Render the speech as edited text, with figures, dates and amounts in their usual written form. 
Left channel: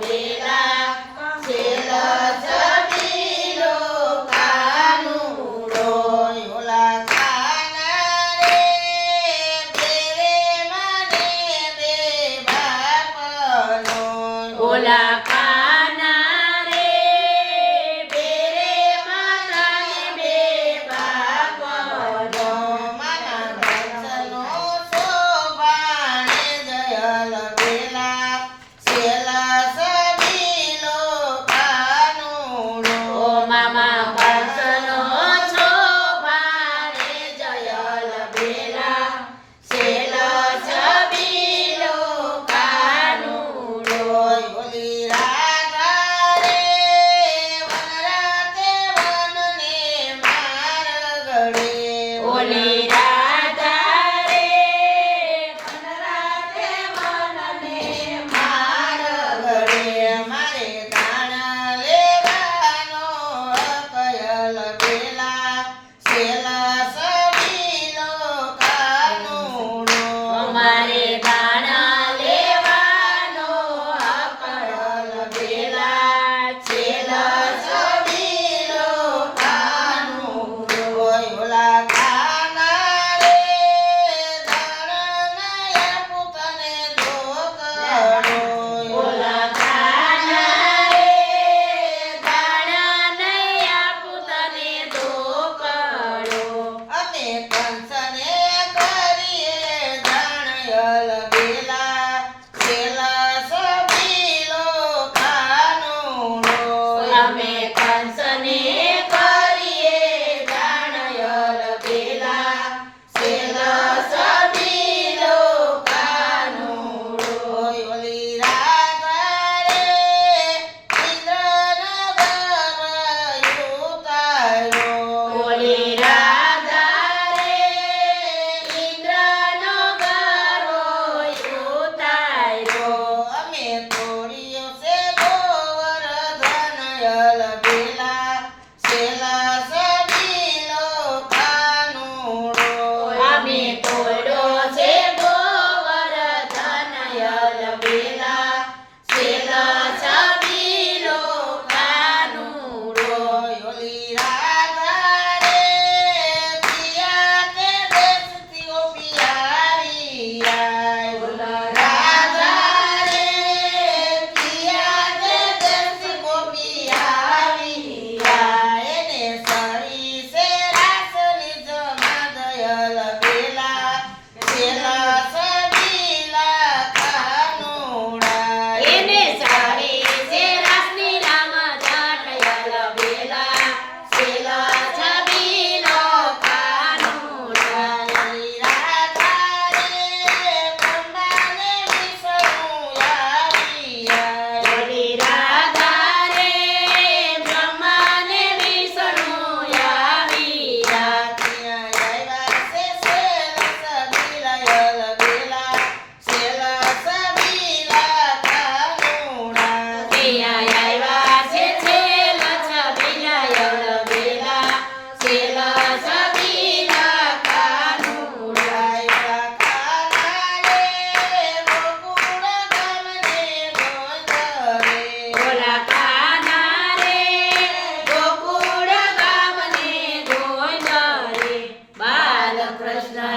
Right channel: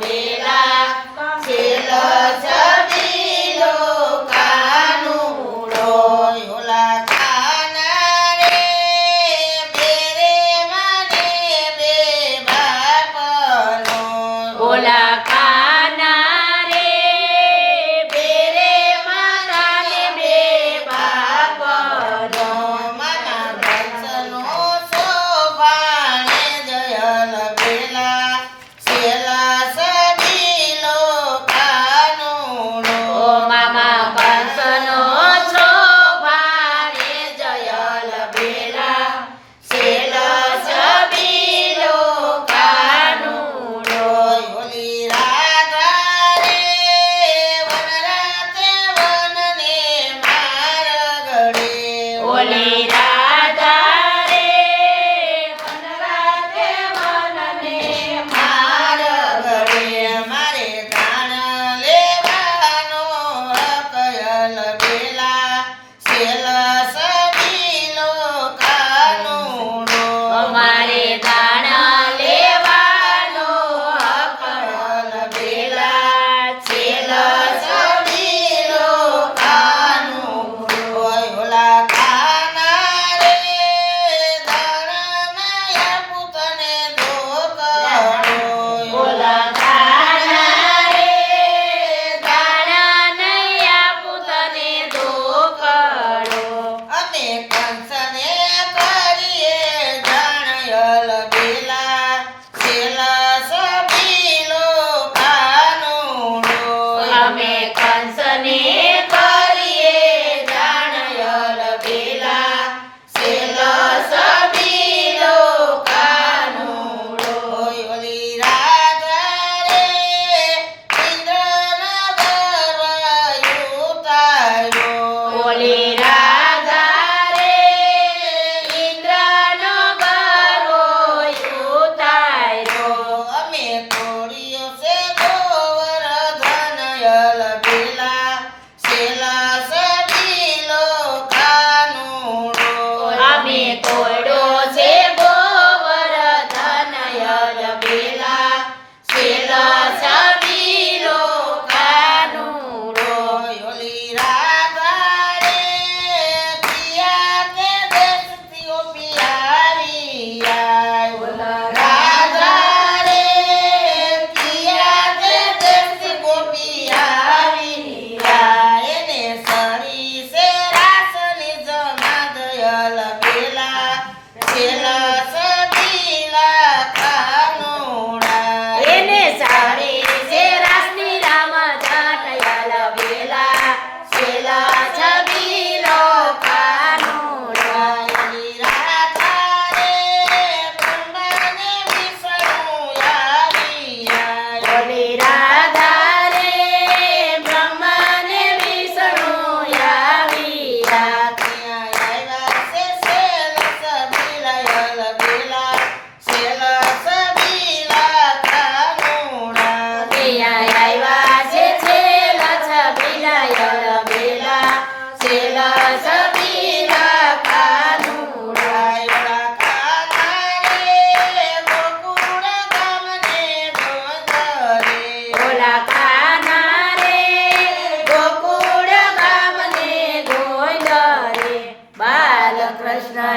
બેલા છેલ છબીલો કાનુડો ઓલા કાના રે બેરે મને બે બાપનો ઓલા કાના રે બેરે માતાને બે બાપનો મામા કંસનો શોભાણે જયલ બેલા છેલ છબીલો કાનુડો ઓ મામા કંસનો શોભાણે જયલ બેલા છેલ છબીલો કાનુડો ઓલી રાધા રે વનરાતે વનને મારગડે ઓલી રાધા રે વનરાતે વનને મારગડે મારે દાણ લેવાનો કયલ બેલા છેલ છબીલો કાનુડો અમારે દાણા લેવાનો કયલ બેલા છેલ છબીલો કાનુડો ઓલા કાના રે દાણના પુતને ધોકડો ઓલા કાના રે દાણા નહીં આપું તને ધોકડો અમે કંસને કરીએ જાણયલ બેલા છેલ છબીલો કાનુડો અમે કંસને કરીએ જાણયલ બેલા છેલ છબીલો કાનુડો ઓલી રાધા રે ઇન્દ્રના ગર્વ ઉતાર્યો ઓલી રાધા રે ઇન્દ્રનો ગરો ઉતાર્યો અમે કોળીઓ છે ગોવર્ધનયલ બેલા છેલ છબીલો કાનુડો અમે કોયડો છે ગોવર્ધનયલ બેલા છેલ છબીલો કાનુડો ઓલી રાધા રે પિયા કે દેશથી પિયાવી ઓલા રાધા રે પિયા કે દેશથી ગોપિયાવી એને સરી સે રાસની જમા દયલ બેલા છેલ છબીલા કાનુડા એને સારી છે રાસની રામ જટયલ બેલા છેલ છબીલો કાનુડો ઓલી રાધા રે બ્રહ્માને વિષ્ણુ આવ્યા ત્યાં આવ્યા છે છેલ છબીલા બેલા છેલ